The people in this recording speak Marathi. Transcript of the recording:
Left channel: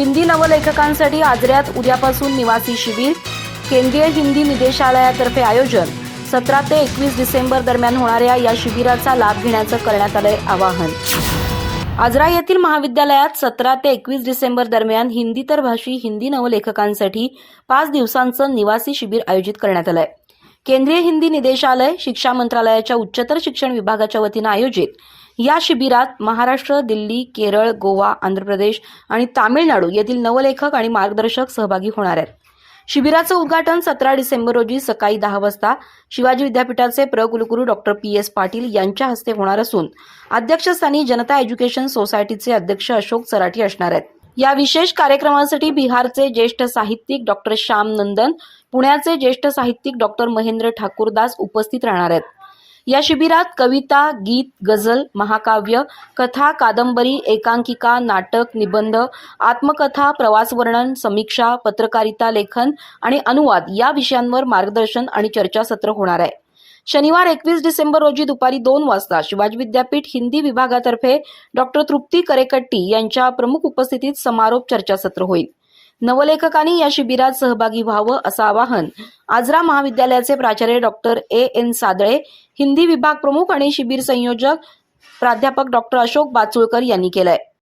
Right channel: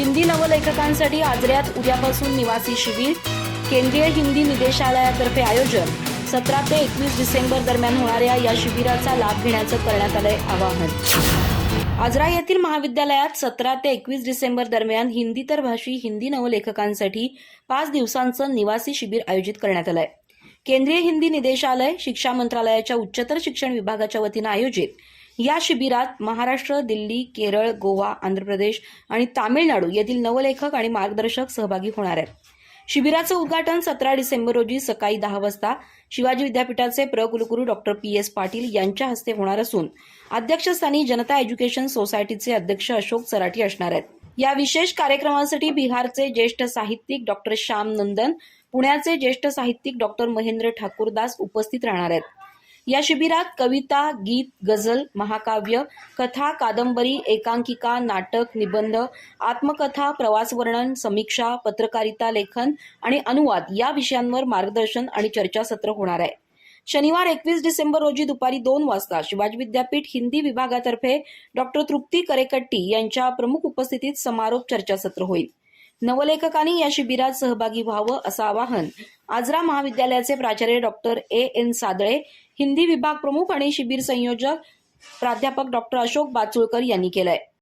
हिंदी नवलेखकांसाठी आजऱ्यात उद्यापासून निवासी शिबिर केंद्रीय हिंदी निदेशालयातर्फे आयोजन सतरा ते एकवीस डिसेंबर दरम्यान होणाऱ्या या शिबिराचा लाभ घेण्याचं करण्यात आलंय आवाहन. आजरा येथील महाविद्यालयात सतरा ते एकवीस डिसेंबर दरम्यान हिंदीतर भाषी हिंदी नवलेखकांसाठी पाच दिवसांचं निवासी शिबिर आयोजित करण्यात आलंय. केंद्रीय हिंदी निदेशालय शिक्षा मंत्रालयाच्या उच्चतर शिक्षण विभागाच्या वतीनं आयोजित या शिबिरात महाराष्ट्र दिल्ली केरळ गोवा आंध्र प्रदेश आणि तामिळनाडू येथील नवलेखक आणि मार्गदर्शक सहभागी होणार आहेत. शिबिराचं उद्घाटन सतरा डिसेंबर रोजी सकाळी दहा वाजता शिवाजी विद्यापीठाचे प्र कुलगुरू डॉक्टर पी एस पाटील यांच्या हस्ते होणार असून अध्यक्षस्थानी जनता एज्युकेशन सोसायटीचे अध्यक्ष अशोक सराठी असणार आहेत. या विशेष कार्यक्रमासाठी बिहारचे ज्येष्ठ साहित्यिक डॉक्टर श्याम नंदन पुण्याचे ज्येष्ठ साहित्यिक डॉक्टर महेंद्र ठाकूरदास उपस्थित राहणार आहेत. या शिबिरात कविता गीत गझल महाकाव्य कथा कादंबरी एकांकिका नाटक निबंध आत्मकथा प्रवासवर्णन समीक्षा पत्रकारिता लेखन आणि अनुवाद या विषयांवर मार्गदर्शन आणि चर्चासत्र होणार आहे. शनिवार एकवीस डिसेंबर रोजी दुपारी दोन वाजता शिवाजी विद्यापीठ हिंदी विभागातर्फे डॉक्टर तृप्ती करेकट्टी यांच्या प्रमुख उपस्थितीत समारोप चर्चासत्र होईल. नवलेखकांनी या शिबिरात सहभागी व्हावं असं आवाहन आजरा महाविद्यालयाचे प्राचार्य doctor A N Sadale Hindi विभाग प्रमुख आणि शिबिर संयोजक प्राध्यापक डॉक्टर अशोक बाचुळकर यांनी केलंय.